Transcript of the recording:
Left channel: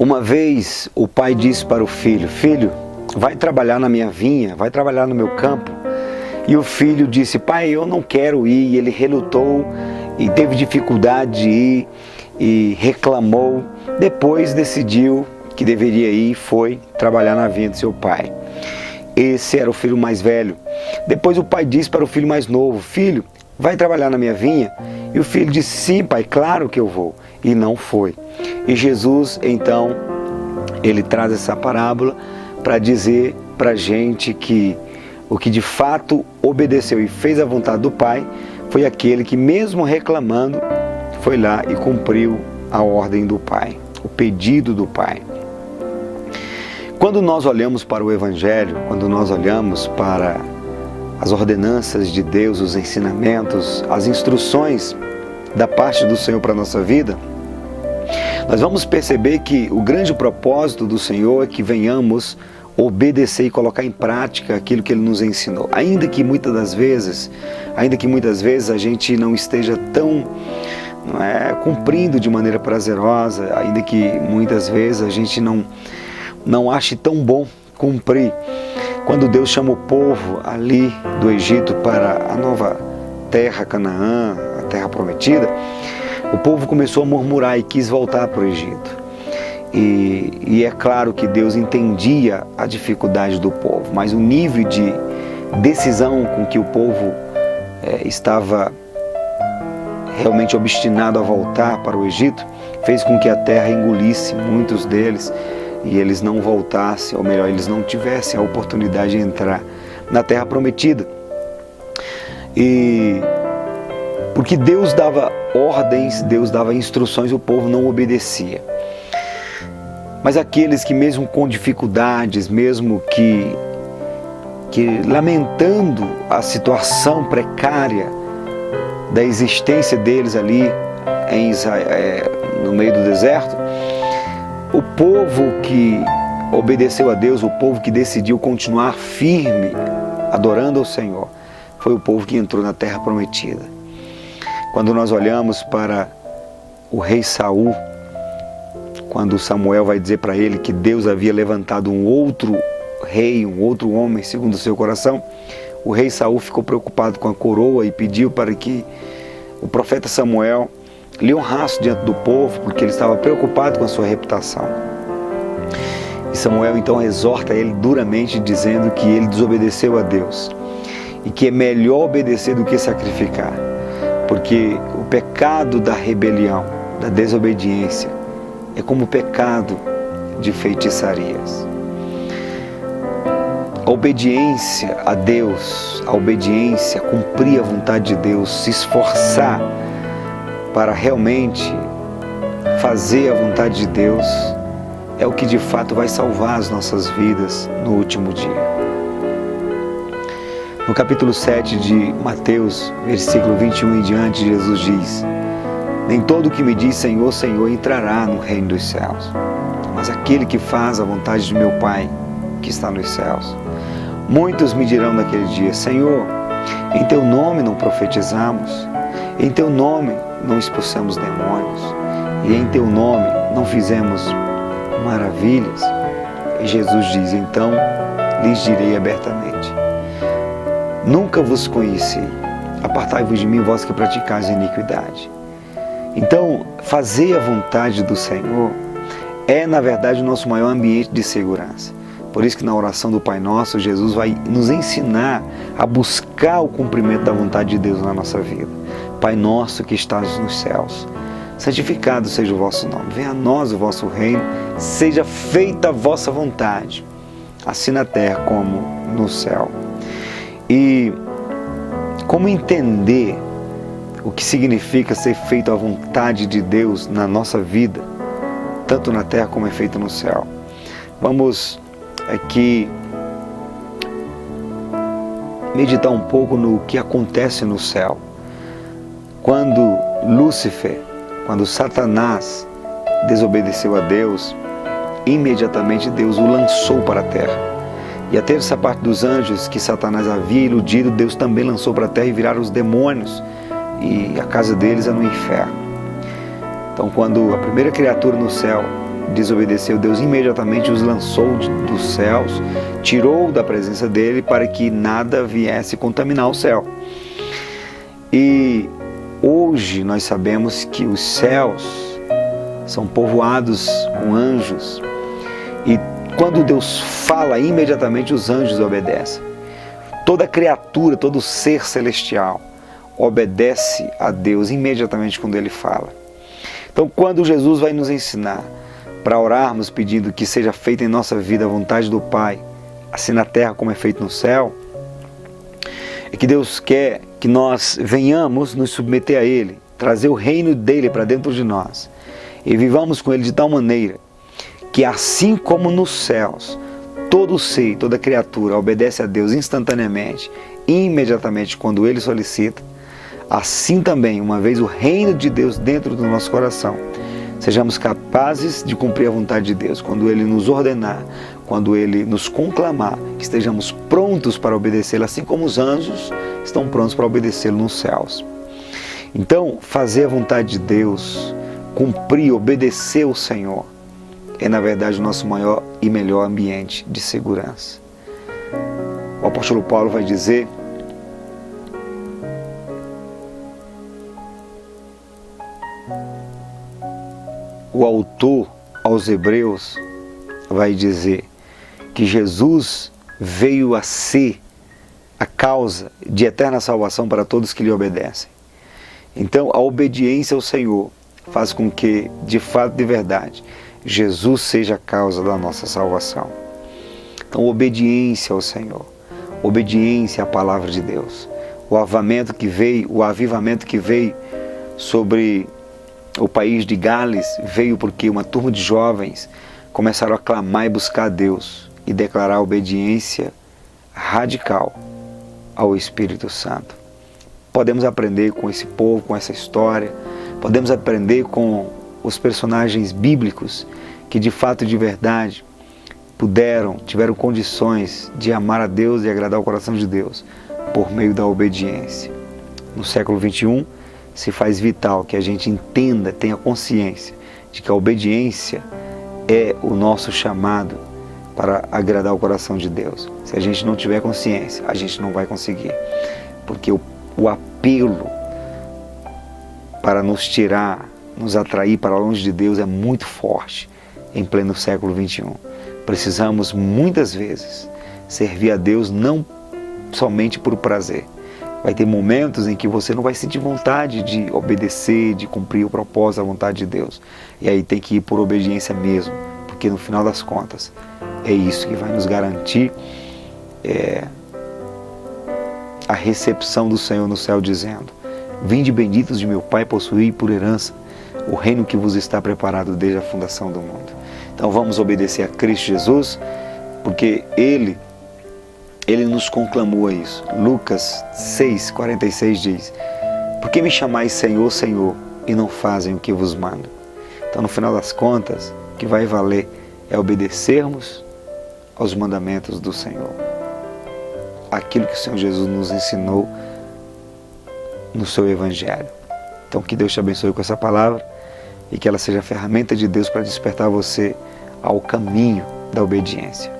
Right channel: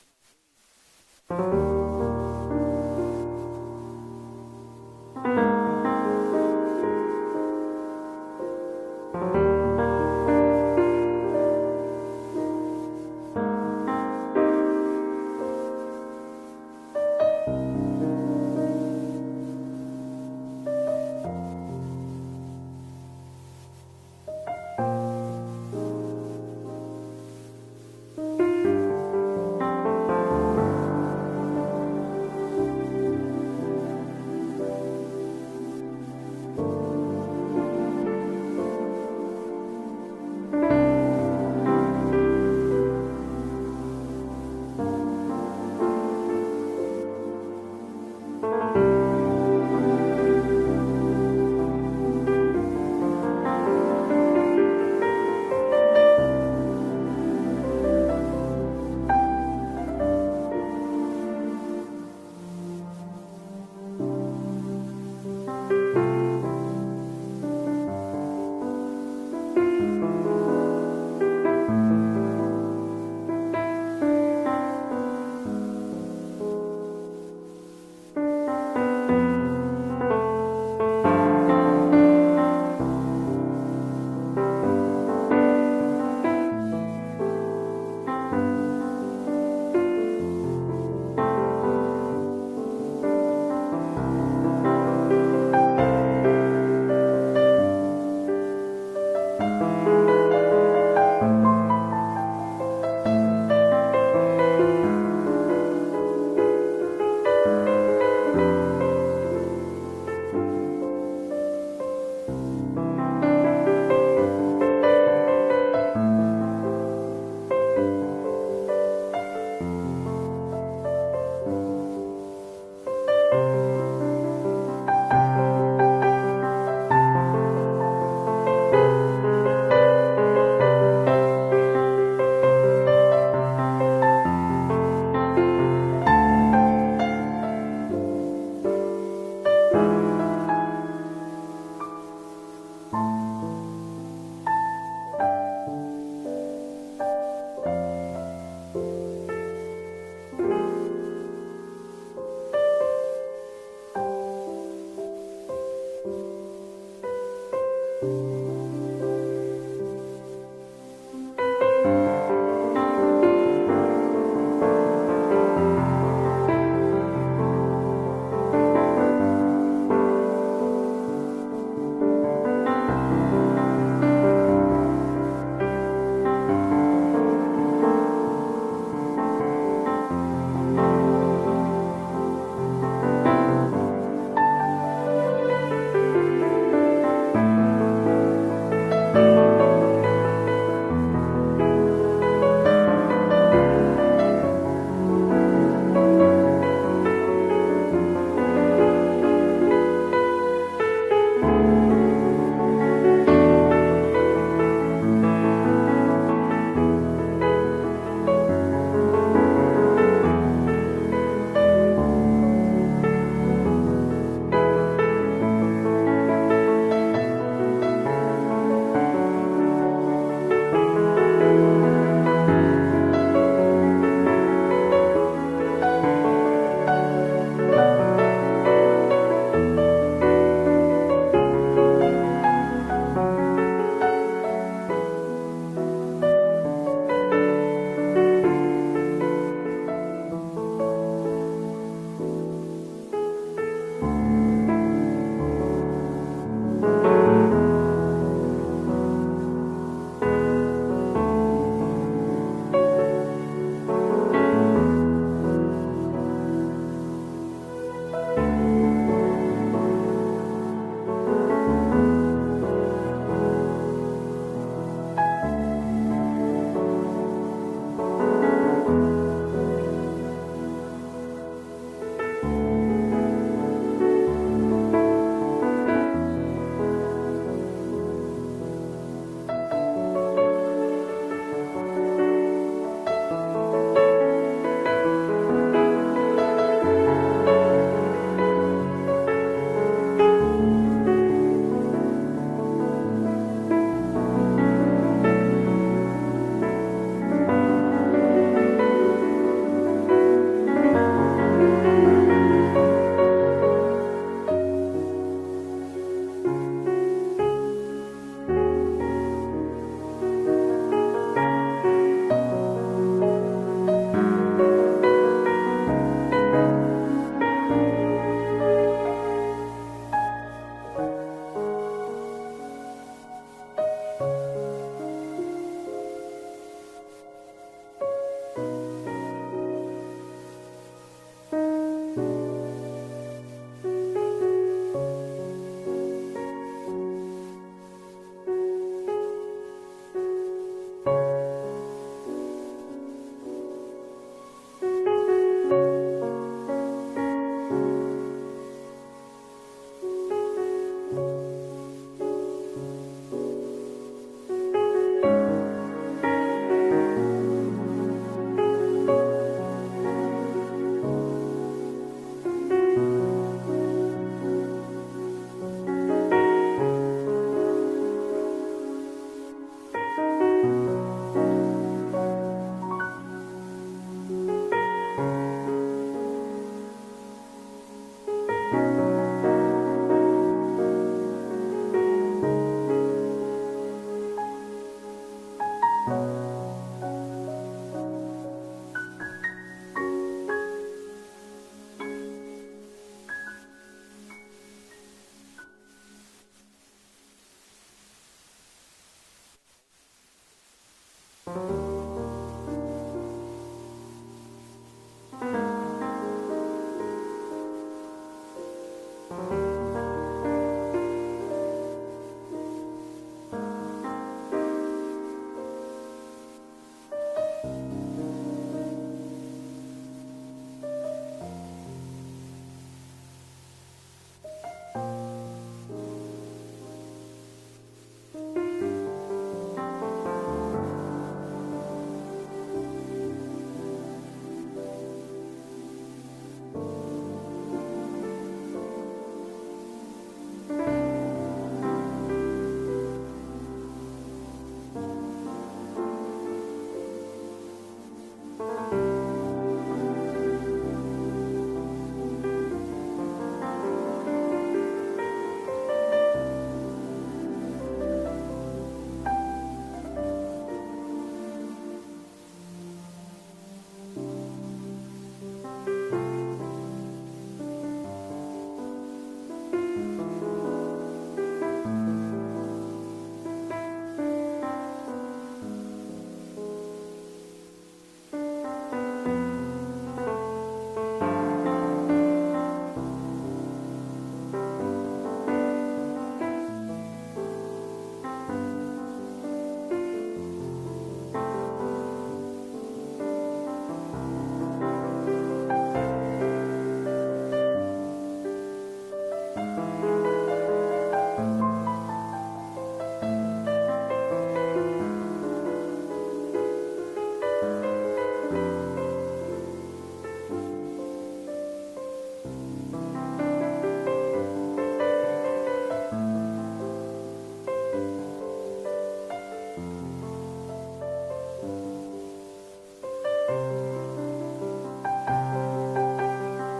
Uma vez o pai disse para o filho: filho, vai trabalhar na minha vinha, vai trabalhar no meu campo. E o filho disse: pai, eu não quero ir. E ele relutou e teve dificuldade de ir e reclamou. Depois decidiu que deveria ir e foi trabalhar na vinha de seu pai. Esse era o filho mais velho. Depois o pai disse para o filho mais novo: filho, vai trabalhar na minha vinha? E o filho disse: sim, pai, claro que eu vou. E não foi. E Jesus, então, ele traz essa parábola para dizer para a gente que o que de fato obedeceu e fez a vontade do Pai foi aquele que, mesmo reclamando, foi lá e cumpriu a ordem do Pai, o pedido do Pai. Quando nós olhamos para o Evangelho, quando nós olhamos para as ordenanças de Deus, os ensinamentos, as instruções da parte do Senhor para a nossa vida, nós vamos perceber que o grande propósito do Senhor é que venhamos obedecer e colocar em prática aquilo que Ele nos ensinou. Ainda que muitas vezes a gente não esteja tão cumprindo de maneira prazerosa, ainda que muitas vezes a gente não ache tão bom cumprir. Quando Deus chama o povo ali do Egito para a nova terra, Canaã, a terra prometida, o povo começou a murmurar e quis voltar para o Egito. E é claro que Deus entendia a dificuldade do povo, mas o nível de decisão com que o povo estava realmente obstinado a voltar para o Egito fez com que a terra engolisse muitos deles e eles não voltassem, ou melhor, eles não tivessem a oportunidade de entrar na terra prometida. E porque Deus dava ordens, Deus dava instruções, o povo não obedecia. Mas aqueles que mesmo com dificuldades, mesmo que lamentando a situação precária da existência deles ali em Israel, no meio do deserto, o povo que obedeceu a Deus, o povo que decidiu continuar firme, adorando ao Senhor, foi o povo que entrou na terra prometida. Quando nós olhamos para o rei Saul, quando Samuel vai dizer para ele que Deus havia levantado um outro rei, um outro homem segundo o seu coração, o rei Saul ficou preocupado com a coroa e pediu para que o profeta Samuel lhe honrasse diante do povo, porque ele estava preocupado com a sua reputação. E Samuel então exorta ele duramente, dizendo que ele desobedeceu a Deus e que é melhor obedecer do que sacrificar, porque o pecado da rebelião, da desobediência, é como o pecado de feitiçarias. A obediência a Deus, a obediência, cumprir a vontade de Deus, se esforçar para realmente fazer a vontade de Deus, é o que de fato vai salvar as nossas vidas no último dia. No capítulo 7 de Mateus, versículo 21 em diante, Jesus diz: nem todo o que me diz Senhor, Senhor entrará no reino dos céus, mas aquele que faz a vontade de meu Pai que está nos céus. Muitos me dirão naquele dia: Senhor, em teu nome não profetizamos, em teu nome não expulsamos demônios, e em teu nome não fizemos maravilhas. E Jesus diz: então lhes direi abertamente: nunca vos conheci, apartai-vos de mim, vós que praticais a iniquidade. Então, fazer a vontade do Senhor é, na verdade, o nosso maior ambiente de segurança. Por isso que na oração do Pai Nosso, Jesus vai nos ensinar a buscar o cumprimento da vontade de Deus na nossa vida. Pai Nosso que estás nos céus, santificado seja o vosso nome. Venha a nós o vosso reino, seja feita a vossa vontade, assim na terra como no céu. E como entender o que significa ser feito a vontade de Deus na nossa vida, tanto na terra como é feito no céu? Vamos aqui meditar um pouco no que acontece no céu. Quando Lúcifer, quando Satanás desobedeceu a Deus, imediatamente Deus o lançou para a terra. E a terça parte dos anjos que Satanás havia iludido, Deus também lançou para a terra e viraram os demônios. E a casa deles é no inferno. Então, quando a primeira criatura no céu desobedeceu, Deus imediatamente os lançou dos céus, tirou da presença dele para que nada viesse contaminar o céu. E hoje nós sabemos que os céus são povoados com anjos, e quando Deus fala, imediatamente os anjos obedecem. Toda criatura, todo ser celestial obedece a Deus imediatamente quando Ele fala. Então, quando Jesus vai nos ensinar para orarmos pedindo que seja feita em nossa vida a vontade do Pai, assim na terra como é feito no céu, é que Deus quer que nós venhamos nos submeter a Ele, trazer o reino dEle para dentro de nós e vivamos com Ele de tal maneira que, assim como nos céus, todo ser, toda criatura obedece a Deus instantaneamente, imediatamente quando Ele solicita, assim também, uma vez o reino de Deus dentro do nosso coração, sejamos capazes de cumprir a vontade de Deus. Quando Ele nos ordenar, quando Ele nos conclamar, que estejamos prontos para obedecê-lo, assim como os anjos estão prontos para obedecê-lo nos céus. Então, fazer a vontade de Deus, cumprir, obedecer ao Senhor, é na verdade o nosso maior e melhor ambiente de segurança. O apóstolo Paulo vai dizer: o autor aos Hebreus vai dizer que Jesus veio a ser a causa de eterna salvação para todos que lhe obedecem. Então, a obediência ao Senhor faz com que, de fato, de verdade, Jesus seja a causa da nossa salvação. Então, obediência ao Senhor, obediência à palavra de Deus. O avivamento que veio sobre o país de Gales veio porque uma turma de jovens começaram a clamar e buscar a Deus e declarar obediência radical ao Espírito Santo. Podemos aprender com esse povo, com essa história, podemos aprender com os personagens bíblicos que de fato e de verdade tiveram condições de amar a Deus e agradar o coração de Deus por meio da obediência. No século XXI, se faz vital que a gente entenda, tenha consciência de que a obediência é o nosso chamado para agradar o coração de Deus. Se a gente não tiver consciência, a gente não vai conseguir, porque o apelo para nos tirar, nos atrair para longe de Deus é muito forte em pleno século XXI. Precisamos muitas vezes servir a Deus não somente por prazer. Vai ter momentos em que você não vai sentir vontade de obedecer, de cumprir o propósito, a vontade de Deus. E aí tem que ir por obediência mesmo, porque no final das contas é isso que vai nos garantir a recepção do Senhor no céu, dizendo: vinde benditos de meu Pai, possuí por herança o reino que vos está preparado desde a fundação do mundo. Então vamos obedecer a Cristo Jesus, porque Ele nos conclamou a isso. Lucas 6,46 diz: por que me chamais Senhor, Senhor, e não fazem o que vos mando? Então, no final das contas, o que vai valer é obedecermos aos mandamentos do Senhor. Aquilo que o Senhor Jesus nos ensinou no seu Evangelho. Então, que Deus te abençoe com essa palavra e que ela seja a ferramenta de Deus para despertar você ao caminho da obediência.